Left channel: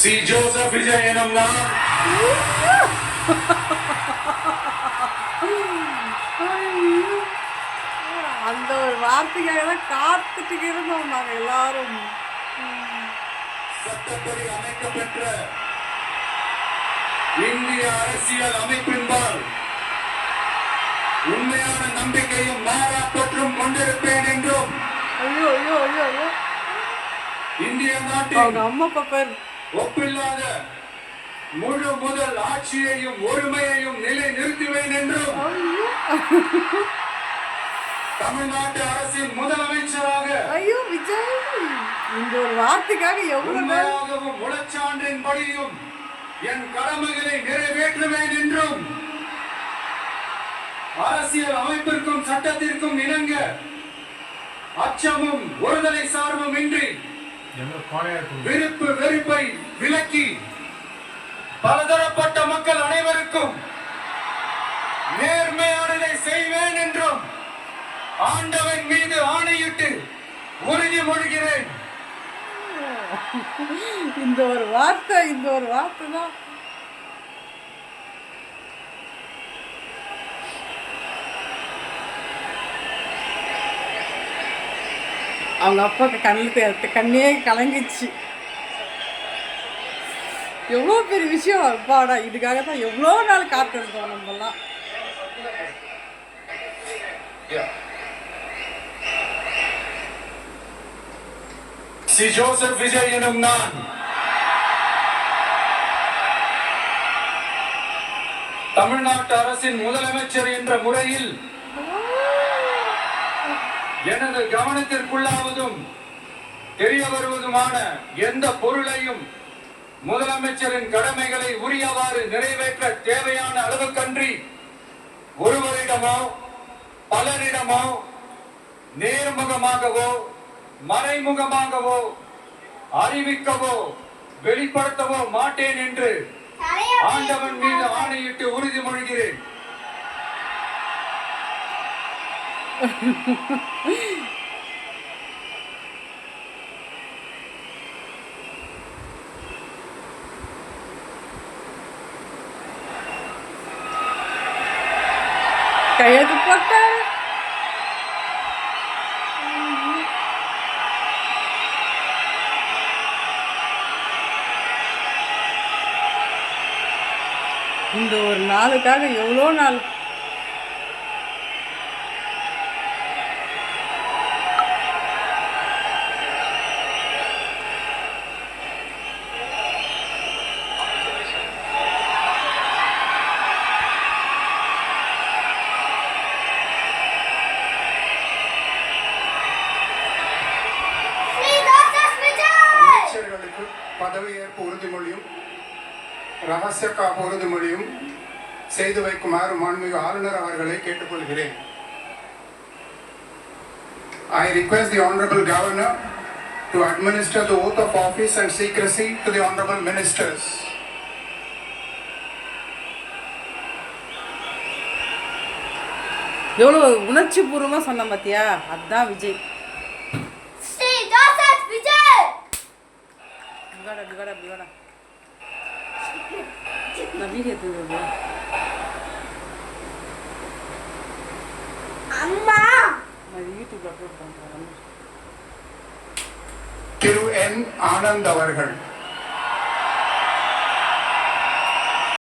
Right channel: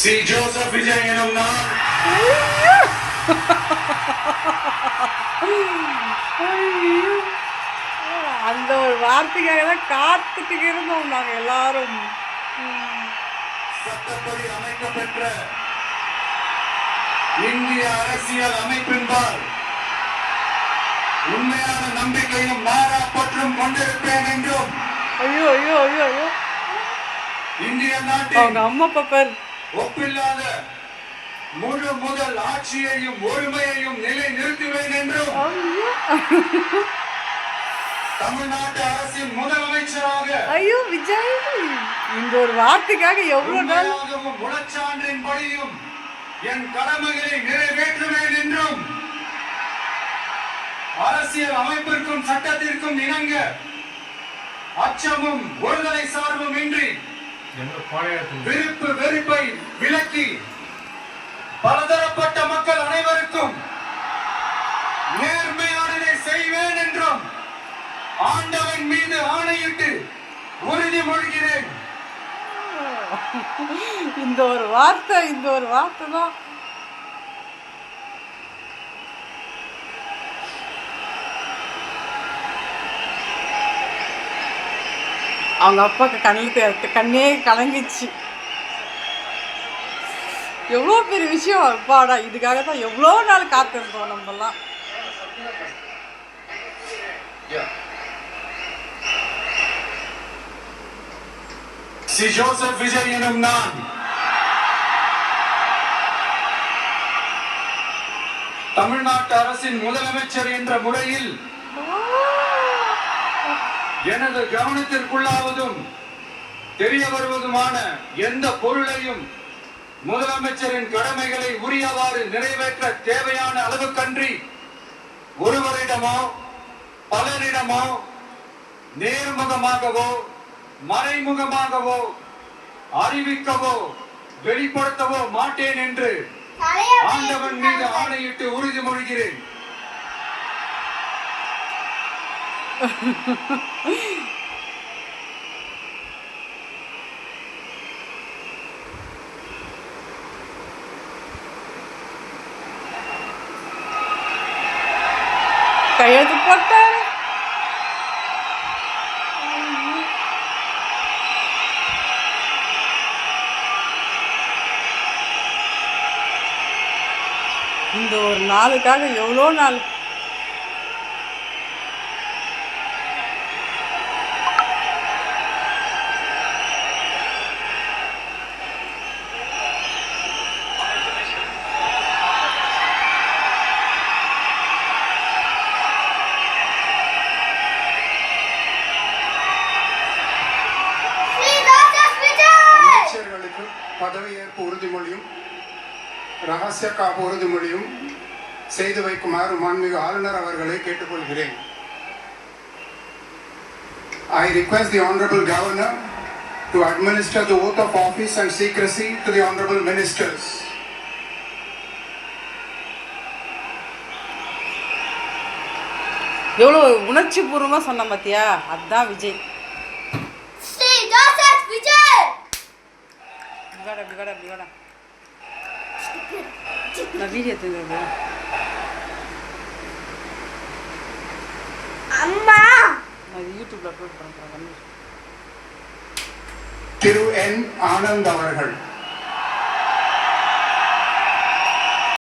C Joseph Vijay எனும் நான் அந்த ஒரு வார்த்தைக்காக தான் காத்துட்டு இருந்தோம் நாங்க எல்லாரும். சட்டப்படி அமைக்கப்பெற்ற இந்திய அரசியல் அமைப்பின்பால் உண்மையான நம்பிக்கையும் மாறா பற்றும் கொண்டிருப்பேன் என்றும் ஐயோ ஐயோ ஐயோ ஐயோ இந்திய அவங்க நாட்டின் அம்மா பப்பர் ஒப்பில்லாத முழு முதல் ஆட்சியையும் ஒருமையையும் நிலை நிறுத்துவேன் என்றும் தமிழ்நாட்டு அரசின் முதலமைச்சராக ஐயோ விஜய் இந்த ஒரு வார்த்தைக்காக எவ்வளவு நாள் உண்மையாகவும் முழச்சான்றின் படியும் என் கடமைகளை நிறைவேற்றுவேன் என்றும் அரசியல் அமைப்பிற்கும் சட்டத்திற்கும் இணங்க அச்சமும் ஒருதலை சார்பும் இன்றி விருப்பு வெறுப்பை விலக்கி பலதரப்பட்ட மக்கள் அனைவருக்கும் நேர்மையானதை செய்வேன் என்றும் ஆண்டவன் மீது ஆணையிட்டு உறுதிமொழிகிறேன். இந்த ஒரு வார்த்தை தான் அவங்க அப்பாவுக்கு கண்ணே கலங்கிச்சு. எவ்வளோ பெரிய விஷயம் அப்பாடா, இதுக்காக தான் எவ்வளோ நாள் காத்திருந்தோம் நம்மலாம். சி ஜோசப் விஜய் எனும் நான் தமிழ்நாட்டு அரசின் முதலமைச்சர் என்ற முறையில் எனது கவனத்திற்குள்ளாவதும் தெரிய வருவதுமான எந்த பொருளையும் முதலமைச்சரின் கடமைகளை உரியவாறு நிறைவேற்ற தேவையான அளவுக்கன்றி ஒருவரிடமோ பலரிடமோ நேர்முகமாகவோ மறைமுகமாகவோ அறிவிக்கவோ வெளிப்படுத்தவோ மாட்டேன் என்று ஆண்டவன் மீது ஆணையிட்டு உறுதிமொழிகிறேன். கையெழுத்து போட்டார். இந்த ஒரு நாளுக்காக எவ்வளோ நாள் பதவியேற்பு உறுதிமொழியும் ரகசிய காப்பு உறுதிமொழியும் செய்து வைக்குமாறு மாண்புமிகு ஆளுநர் அவர்களை கேட்டுக்கொள்கிறேன். I request the Honorable Governor to administer the oath of office and secrecy to the Honorable Ministers. எவ்வளோ உணர்ச்சி பூர்வமாக சொன்ன பார்த்தியா, அதுதான் விஜய். அப்படி வாடா நான் வீடியோ எடுத்துட்டு அம்மா நான் இது யூடியூப்ல அப்லோட் பண்ணுறேன். திரு என் ஆனந்த் அவர்கள்